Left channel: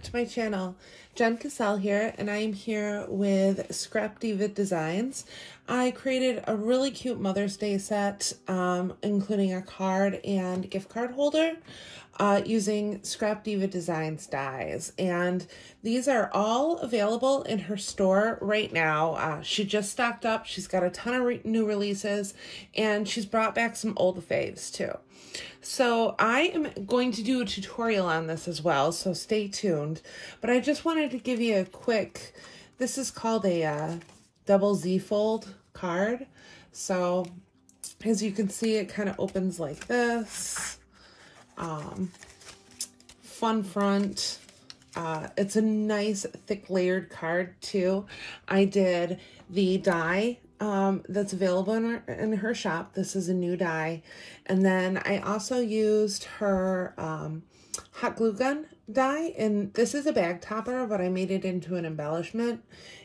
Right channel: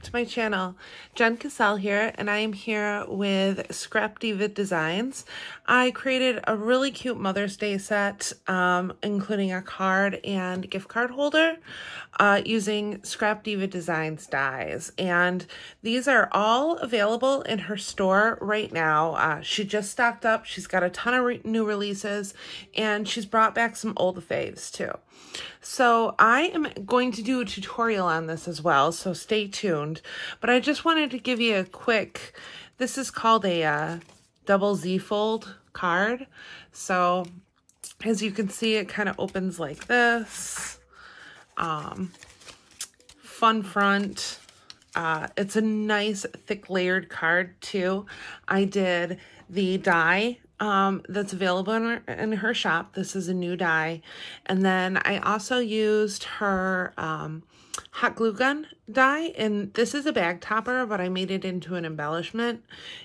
back to my channel. Jen Cassell here, and I am here with Scrapdiva Designs. I created a really cute Mother's Day set, including a card and gift card holder, using Scrapdiva Designs dies. And these are all available in her store right now. She just stocked up. She's got a ton of new releases, and she's brought back some old faves too. So I am going to do a tutorial on this as well, so stay tuned. But I just wanted to give you a quick, this is called a double Z fold card. So as you can see, it kind of opens like this. Fun front. It's a nice thick layered card too. I did the die that's available in her shop. This is a new die. And then I also used her hot glue gun die, and this is a bag topper, but I made it into an embellishment.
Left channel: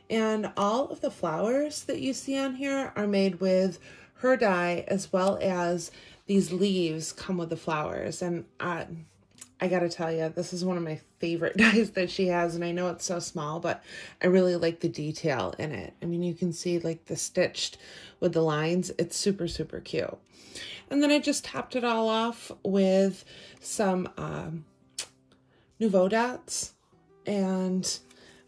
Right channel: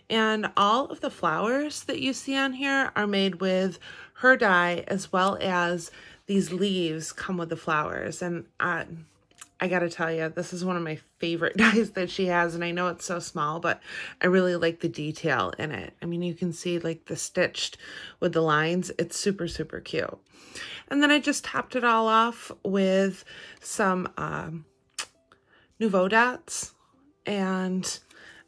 And all of the flowers that you see on here are made with her die, as well as these leaves come with the flowers. And I gotta tell you, this is one of my favorite dies that she has, and I know it's so small, but I really like the detail in it. I mean, you can see like the stitched with the lines. It's super, super cute. And then I just topped it all off with some Nouveau dots, and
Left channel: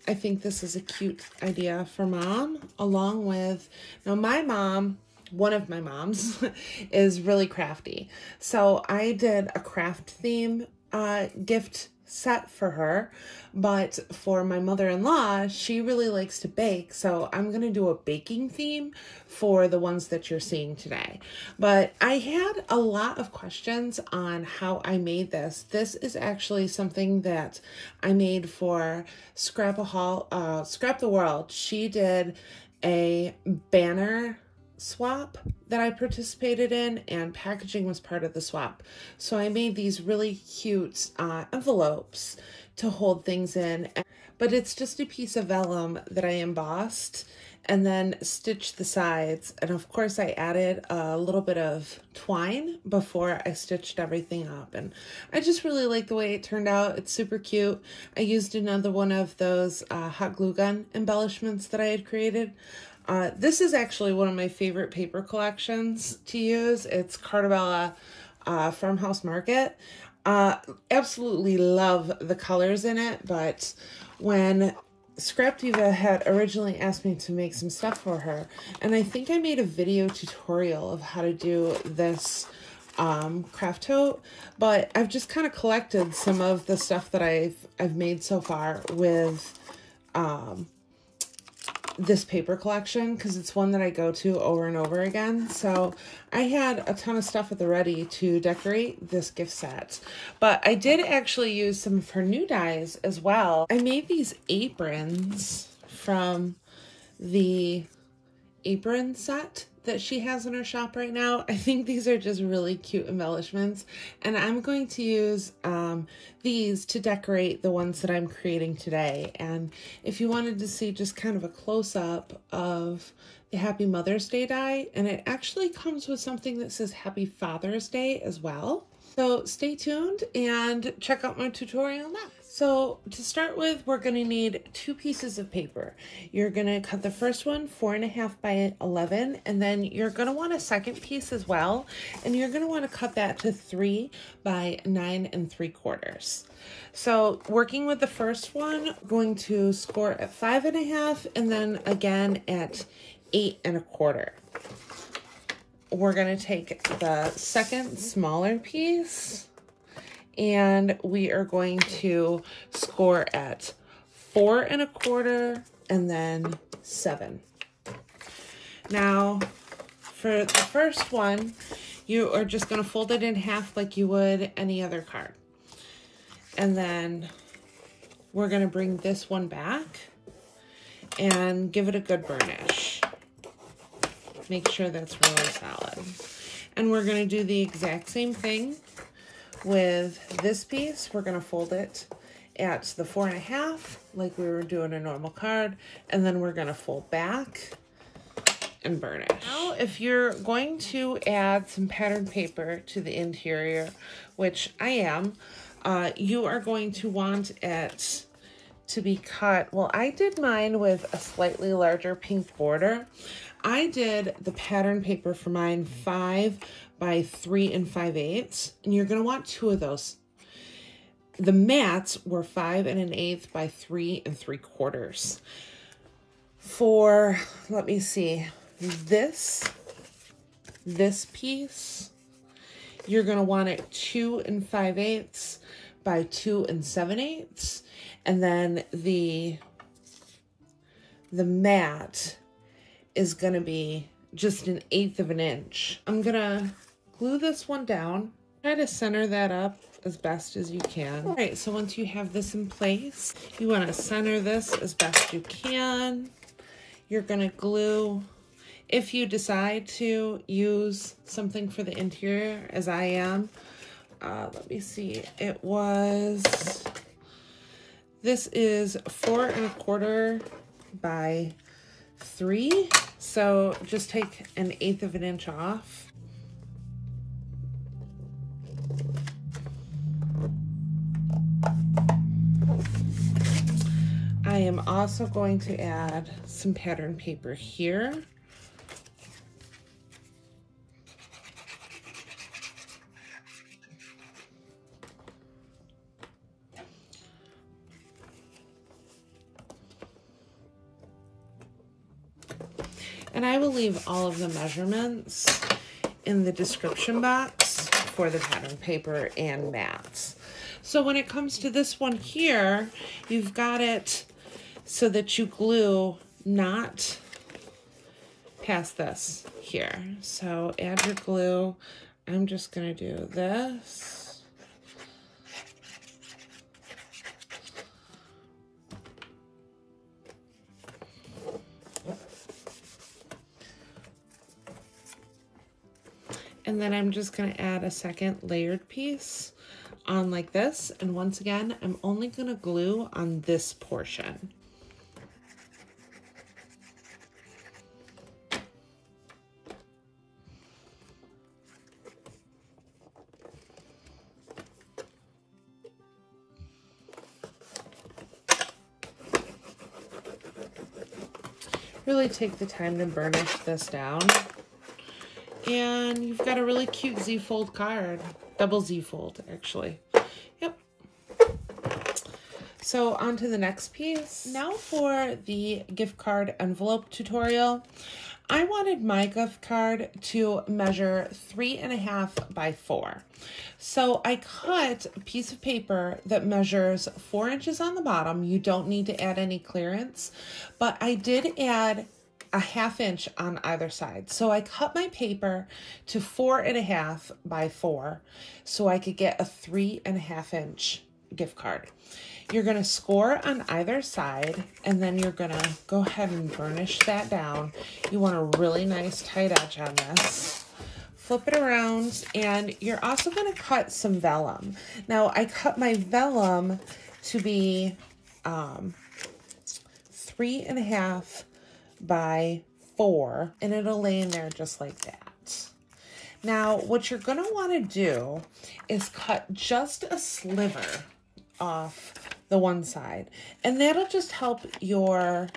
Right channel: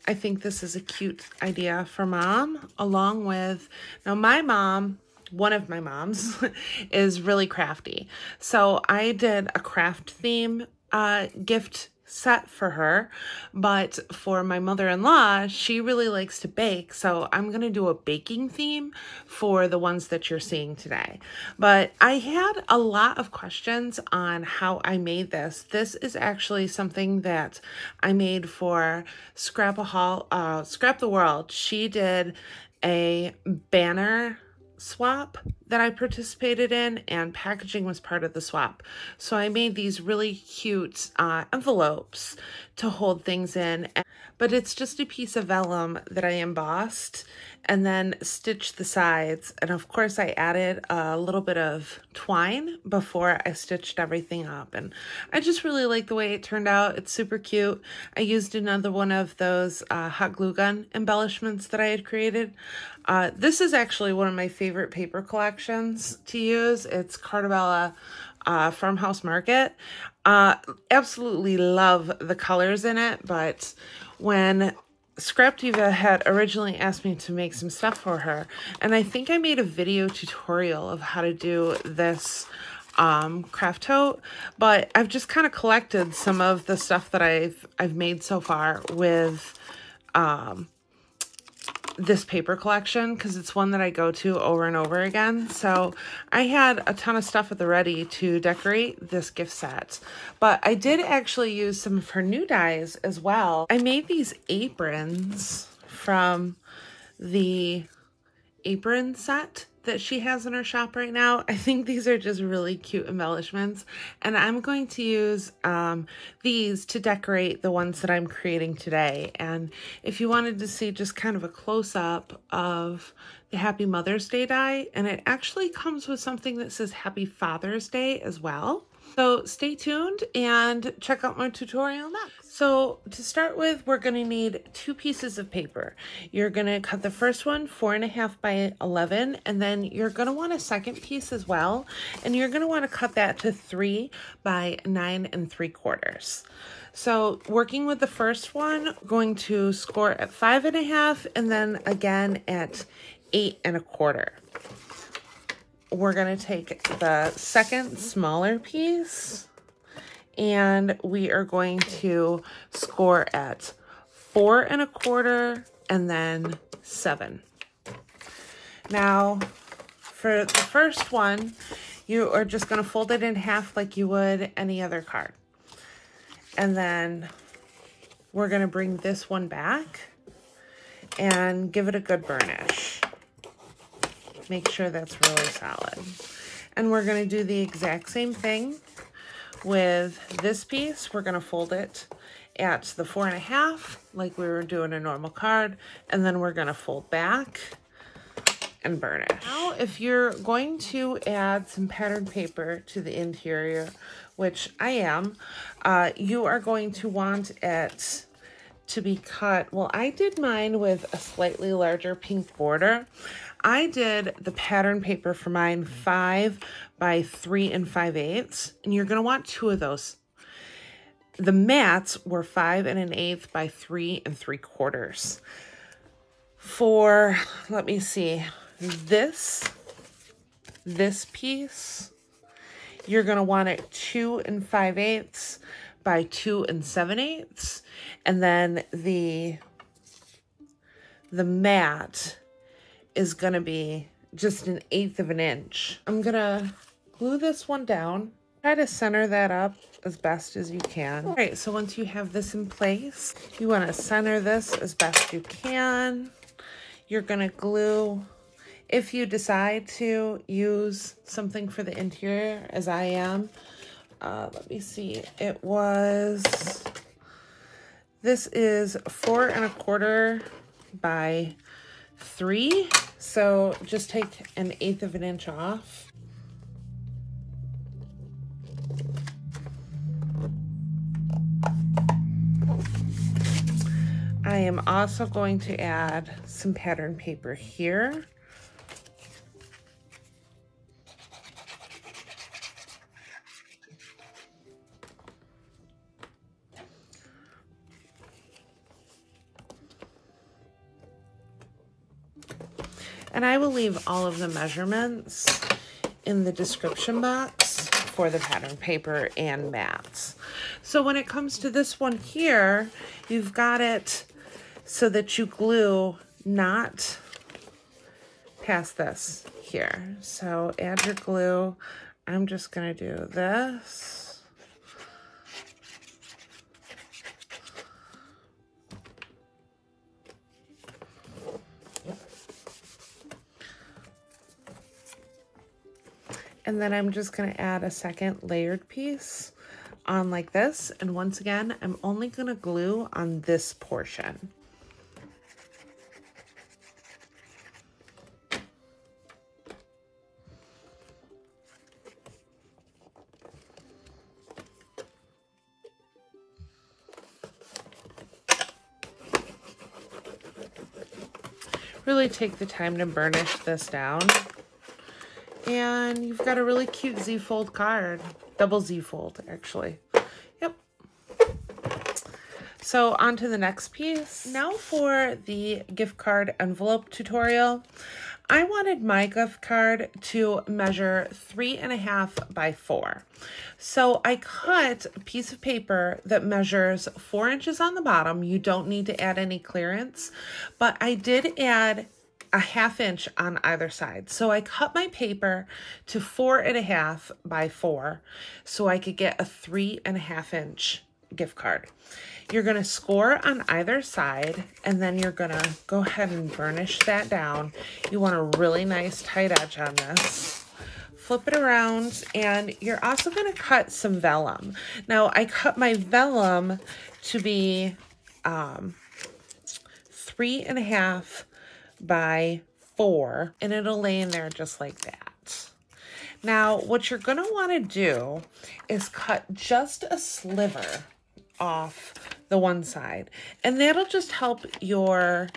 I think this is a cute idea for mom, along with, now my mom, one of my moms is really crafty. So I did a craft theme gift set for her, but for my mother-in-law, she really likes to bake, so I'm gonna do a baking theme for the ones that you're seeing today. But I had a lot of questions on how I made this. This is actually something that I made for Scrap the World. She did a banner swap that I participated in, and packaging was part of the swap. So I made these really cute envelopes to hold things in, but it's just a piece of vellum that I embossed and then stitched the sides. And of course I added a little bit of twine before I stitched everything up, and I just really like the way it turned out. It's super cute. I used another one of those hot glue gun embellishments that I had created. This is actually one of my favorite paper collections to use. It's Cardstock Farmhouse Market. Absolutely love the colors in it, but when Scrapdiva had originally asked me to make some stuff for her, and I think I made a video tutorial of how to do this craft tote, but I've just kind of collected some of the stuff that I've made so far with this paper collection, because it's one that I go to over and over again. So I had a ton of stuff at the ready to decorate this gift set, but I did actually use some of her new dies as well. I made these aprons from the apron set that she has in her shop right now. I think these are just really cute embellishments, and I'm going to use these to decorate the ones that I'm creating today. And if you wanted to see just kind of a close-up of the Happy Mother's Day die, and it actually comes with something that says Happy Father's Day as well. So stay tuned and check out my tutorial next. So to start with, we're going to need 2 pieces of paper. You're going to cut the first one 4.5 by 11, and then you're going to want a second piece as well, and you're going to want to cut that to 3 by 9 3/4. So working with the first one, going to score at 5.5, and then again at 8 1/4. We're going to take the second smaller piece, and we are going to score at 4 1/4 and then 7. Now, for the first one, you are just going to fold it in half like you would any other card. And then we're going to bring this one back and give it a good burnish. Make sure that's really solid. And we're going to do the exact same thing with this piece. We're going to fold it at the 4.5 like we were doing a normal card, and then we're going to fold back and burnish. Now, if you're going to add some patterned paper to the interior, which I am, you are going to want it to be cut, well, I did mine with a slightly larger pink border. I did the pattern paper for mine 5 by 3 5/8, and you're gonna want 2 of those. The mats were 5 1/8 by 3 3/4. For, let me see, this piece, you're gonna want it 2 5/8 by 2 7/8, and then the mat is gonna be just 1/8 of an inch. I'm gonna glue this one down. Try to center that up as best as you can. All right, so once you have this in place, you wanna center this as best you can. You're gonna glue, if you decide to use something for the interior, as I am, let me see, this is 4 1/4 by 3. So just take 1/8 of an inch off. I am also going to add some pattern paper here. And I will leave all of the measurements in the description box for the pattern paper and mats. So when it comes to this one here, you've got it so that you glue not past this here. So add your glue. I'm just gonna do this. And then I'm just gonna add a second layered piece on like this. And once again, I'm only gonna glue on this portion. Really take the time to burnish this down. And you've got a really cute Z-fold card. Double Z-fold, actually. Yep. So on to the next piece. Now for the gift card envelope tutorial. I wanted my gift card to measure 3 1/2 by 4. So I cut a piece of paper that measures 4 inches on the bottom. You don't need to add any clearance, but I did add a 1/2 inch on either side. So I cut my paper to 4 1/2 by 4 so I could get a 3 1/2 inch gift card. You're gonna score on either side, and then you're gonna go ahead and burnish that down. You want a really nice tight edge on this. Flip it around, and you're also gonna cut some vellum. Now I cut my vellum to be 3 1/2 by 4, and it'll lay in there just like that. Now, what you're gonna wanna do is cut just a sliver off the one side, and that'll just help your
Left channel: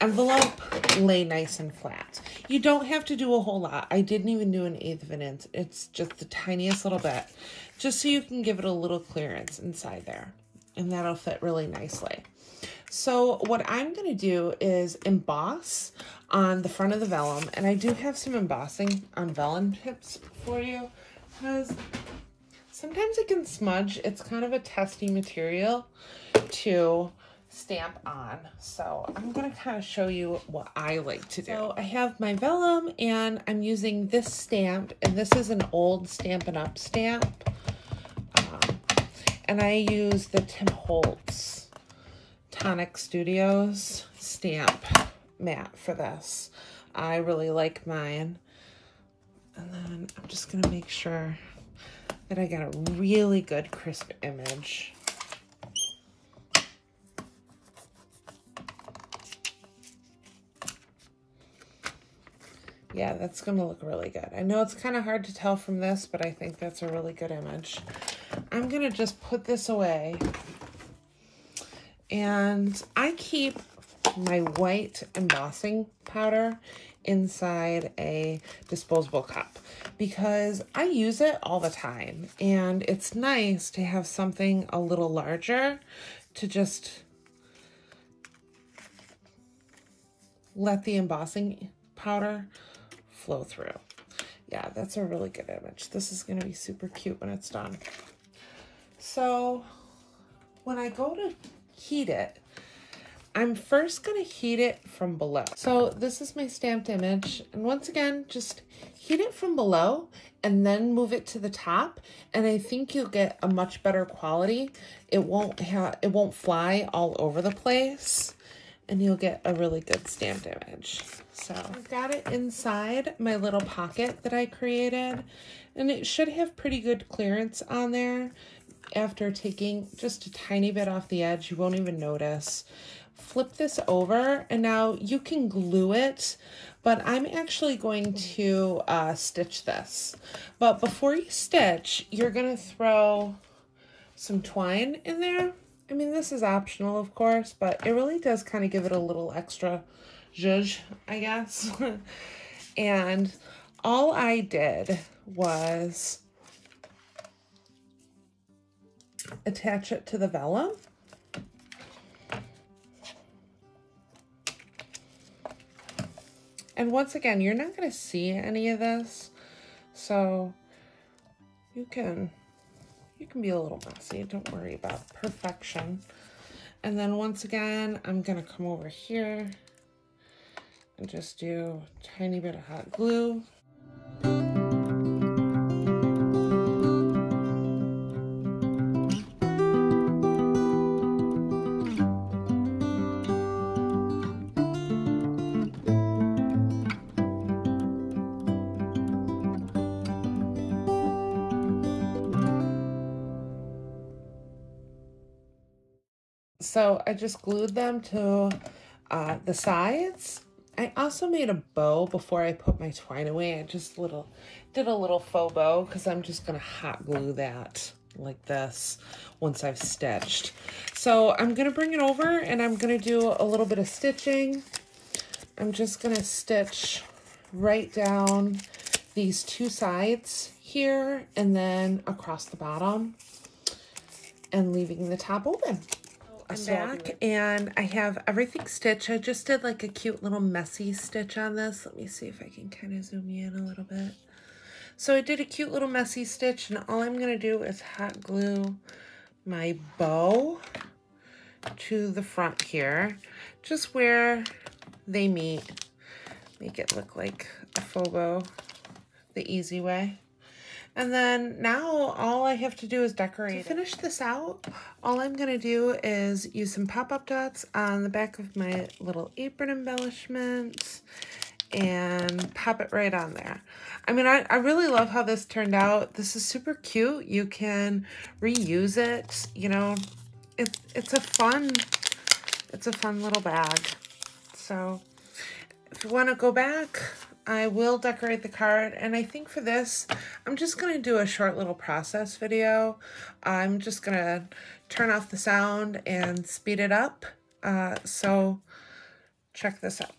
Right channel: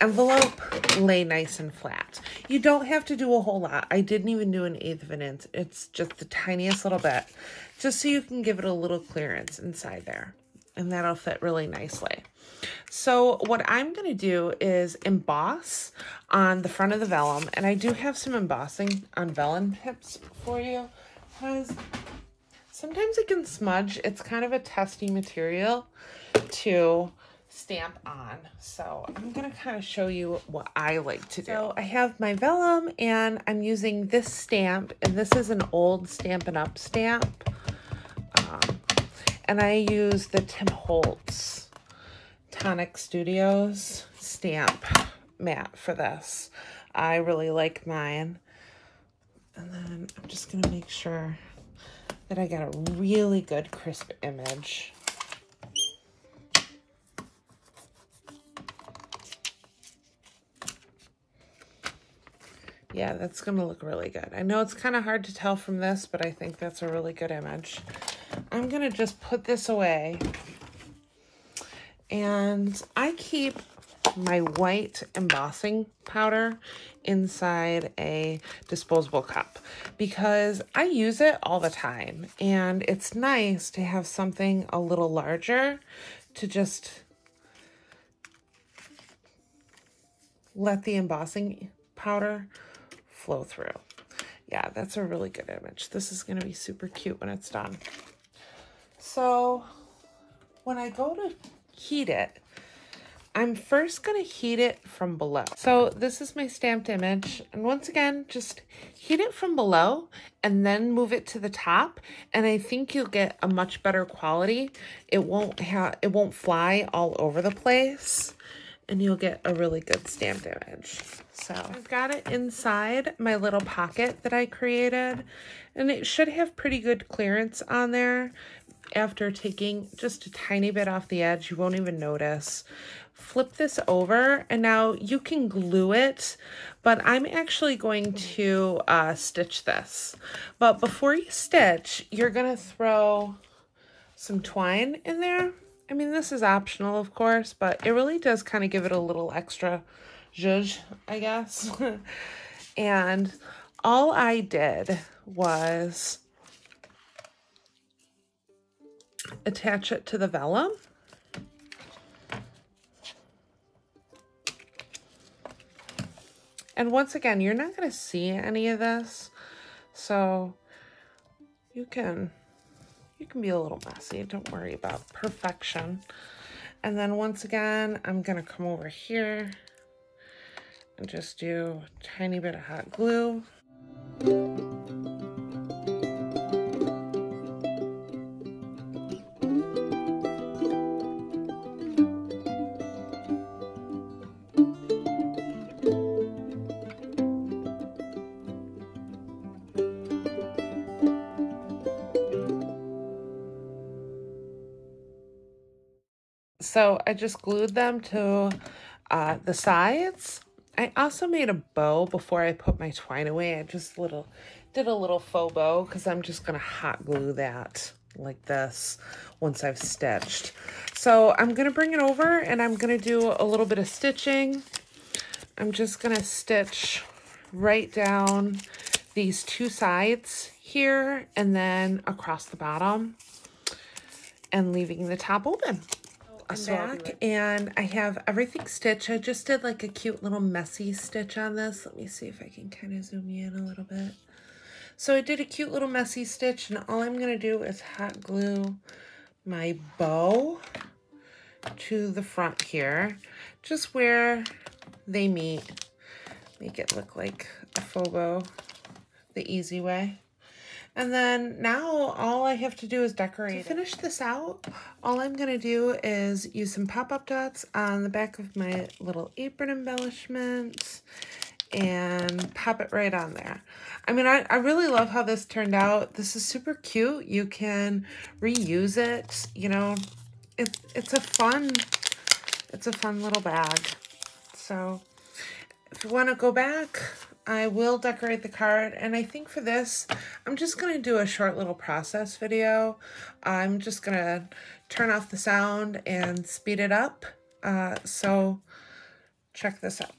envelope lay nice and flat. You don't have to do a whole lot. I didn't even do 1/8 of an inch. It's just the tiniest little bit, just so you can give it a little clearance inside there, and that'll fit really nicely. So what I'm going to do is emboss on the front of the vellum, and I do have some embossing on vellum tips for you, because sometimes it can smudge. It's kind of a testy material to stamp on. So I'm going to kind of show you what I like to do. So I have my vellum, and I'm using this stamp, and this is an old Stampin' Up stamp. And I use the Tim Holtz Tonic Studios stamp mat for this. I really like mine. And then I'm just gonna make sure that I got a really good crisp image. Yeah, that's gonna look really good. I know it's kind of hard to tell from this, but I think that's a really good image. I'm gonna just put this away And I keep my white embossing powder inside a disposable cup because I use it all the time, and it's nice to have something a little larger to just let the embossing powder flow through. Yeah, that's a really good image. This is going to be super cute when it's done. So when I go to heat it, I'm first going to heat it from below. So this is my stamped image. And once again, just heat it from below and then move it to the top. And I think you'll get a much better quality. It won't fly all over the place, and you'll get a really good stamped image. So I've got it inside my little pocket that I created, and it should have pretty good clearance on there. After taking just a tiny bit off the edge, you won't even notice. Flip this over, and now you can glue it, but I'm actually going to stitch this. But before you stitch, you're gonna throw some twine in there. I mean, this is optional, of course, but it really does kind of give it a little extra zhuzh, I guess. And all I did was attach it to the vellum. And once again, you're not going to see any of this, so you can be a little messy. Don't worry about perfection. And then once again, I'm going to come over here and just do a tiny bit of hot glue. So I just glued them to the sides. I also made a bow before I put my twine away. I just did a little faux bow because I'm just gonna hot glue that like this once I've stitched. So I'm gonna bring it over and I'm gonna do a little bit of stitching. I'm just gonna stitch right down these two sides here and then across the bottom and leaving the top open. I'm back and I have everything stitched. I just did like a cute little messy stitch on this. Let me see if I can kind of zoom you in a little bit. So I did a cute little messy stitch, and all I'm going to do is hot glue my bow to the front here, just where they meet. Make it look like a faux bow the easy way. And then now all I have to do is decorate. To finish this out, all I'm going to do is use some pop-up dots on the back of my little apron embellishments and pop it right on there. I mean, I really love how this turned out. This is super cute. You can reuse it. You know, it's a fun little bag. So if you want to go back, I will decorate the card, and I think for this, I'm just going to do a short little process video. I'm just going to turn off the sound and speed it up, so check this out.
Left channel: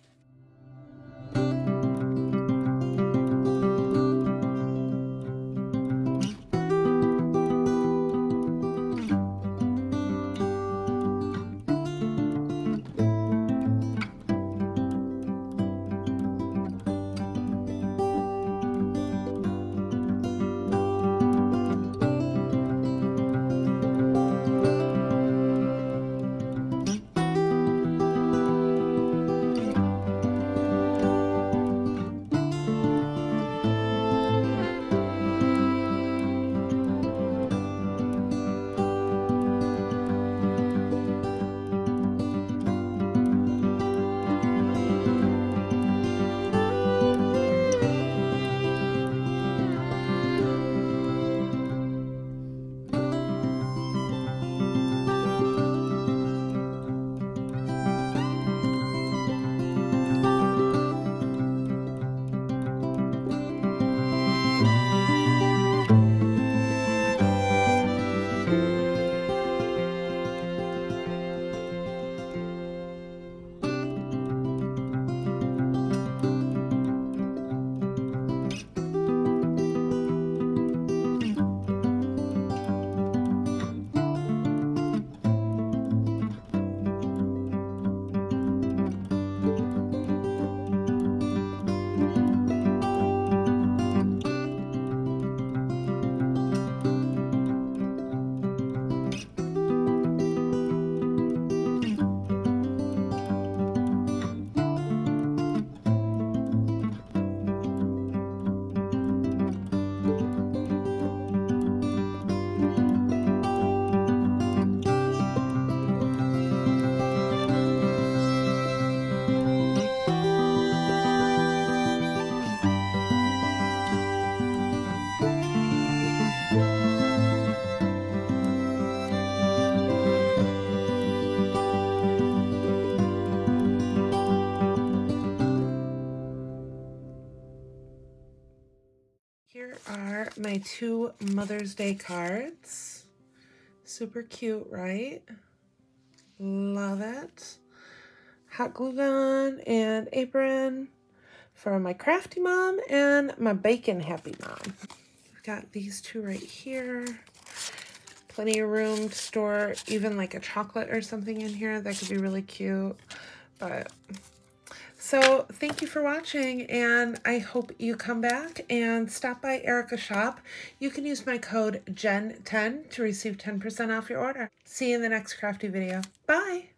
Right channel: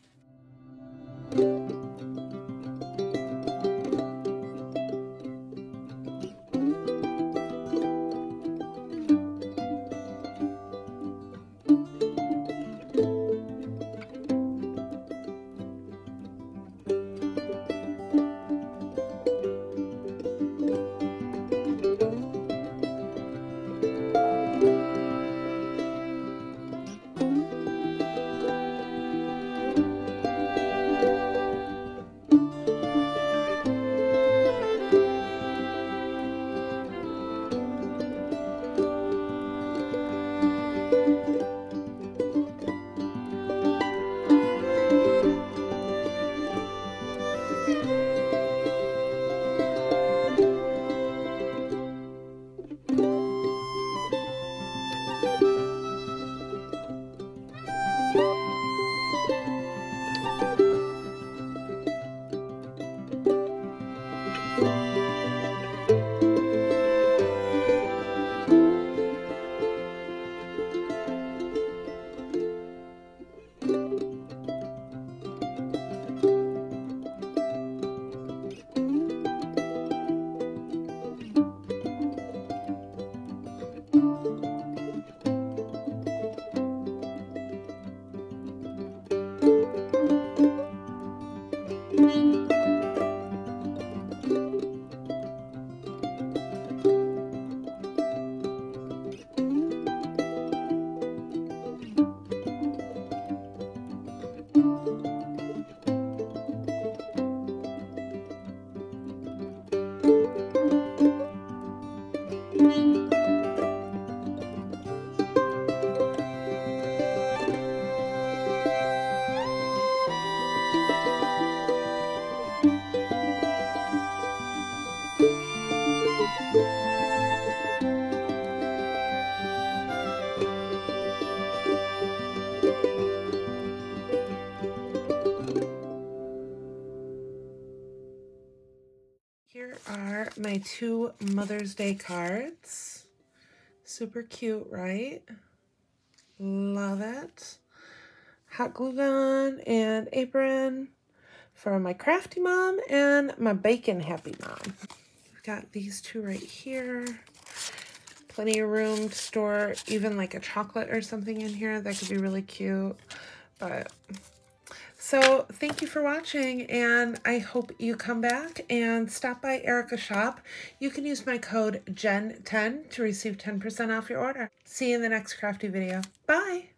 are my 2 Mother's Day cards. Super cute, right? Love it. Hot glue gun and apron for my crafty mom and my bacon happy mom. We've got these 2 right here. Plenty of room to store even like a chocolate or something in here. That could be really cute. But so thank you for watching, and I hope you come back and stop by Erica's shop. You can use my code JEN10 to receive 10% off your order. See you in the next crafty video. Bye!